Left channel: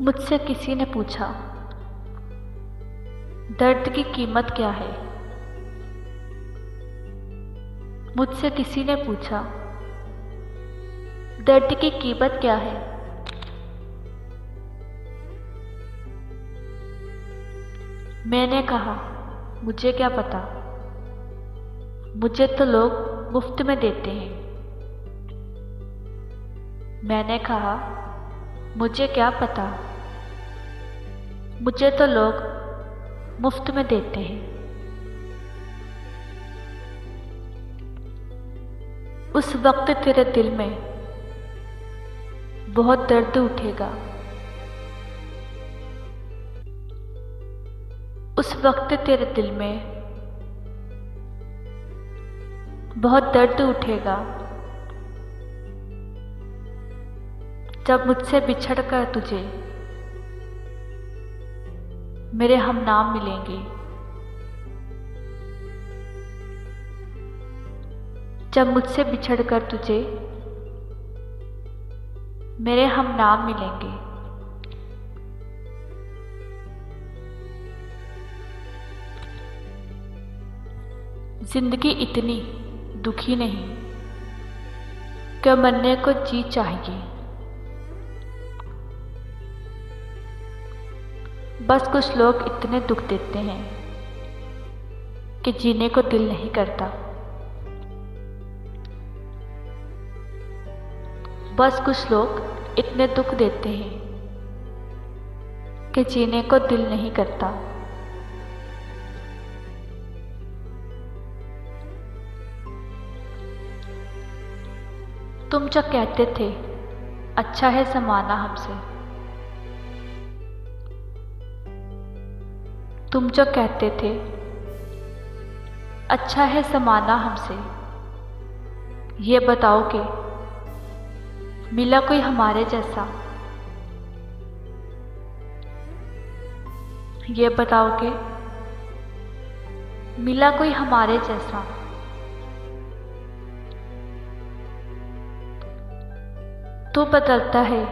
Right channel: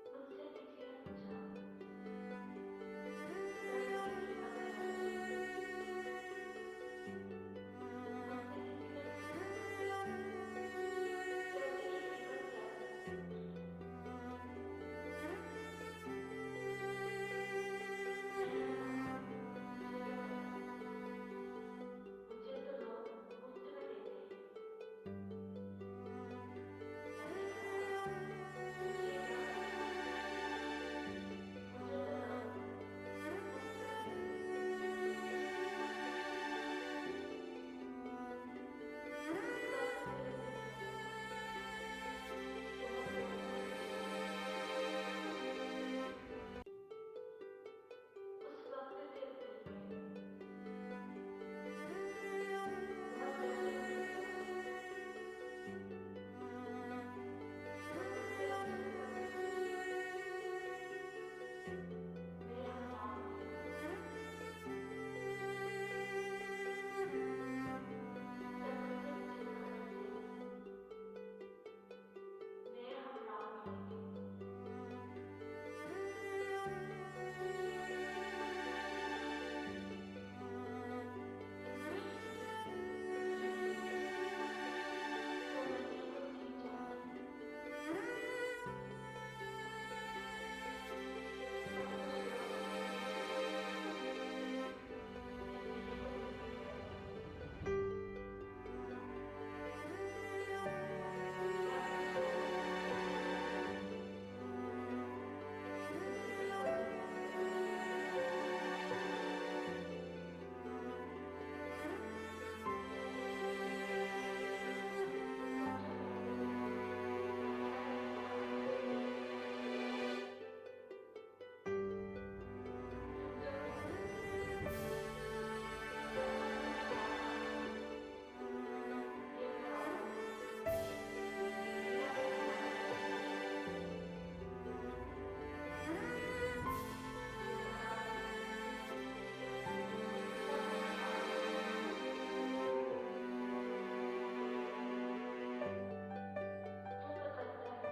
मुझसे किसी ने पूछा, दर्द की कीमत क्या है। मुझसे किसी ने पूछा, दर्द की कीमत क्या है। मैंने कहा, मुझे क्या पता, मुझे तो लोग मुफ्त में देते हैं। मैंने कहा, मुझे क्या पता, मुझे तो लोग मुफ्त में देते हैं। उस वक्त तेरे दिल में बहुत दर्द उठेगा। उस वक्त तेरे दिल में बहुत दर्द उठेगा जब मुझसे बिछड़कर तुझे मेरे हमनाम मिलेंगे। जब मुझसे बिछड़कर तुझे मेरे हमनाम मिलेंगे। जिंदगी इतनी दुखी नहीं कि मरने को जी चाहिए। बस कुछ लोग इतने दुख देते हैं कि जीने को दिल नहीं करता। बस कुछ लोग इतने दुख देते हैं कि जीने को दिल नहीं करता। तुम जो कहते थे अच्छा है समाना हमसे, तुम जो कहते थे अच्छा है समाना हमसे, ये बताओ कि मिला कोई हमारे जैसा। ये बताओ कि मिला कोई हमारे जैसा। तू बदलता है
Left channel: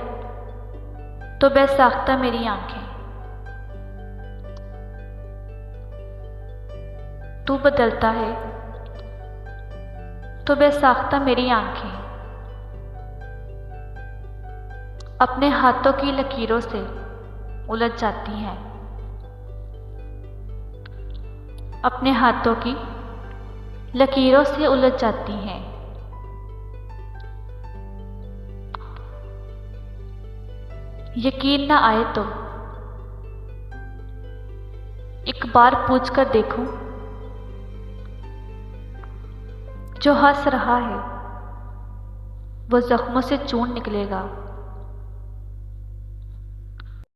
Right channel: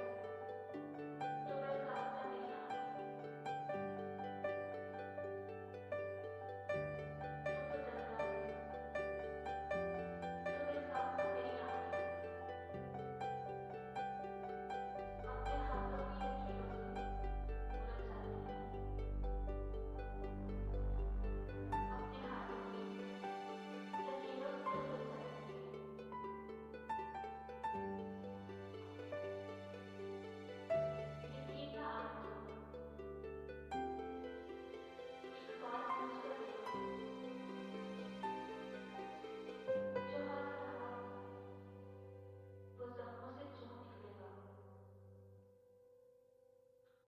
तो बेसाख्ता मेरी आंखें। तू बदलता है तो बेसाख्ता मेरी आंखें। अपने हाथों की लकीरों से उलझ जाती हैं। अपने हाथों की लकीरों से उलझ जाती हैं। यकीन ना आए तो एक बार पूछ कर देखूं, जो हंस रहा है वो जख्मों से चूर्ण निकलेगा।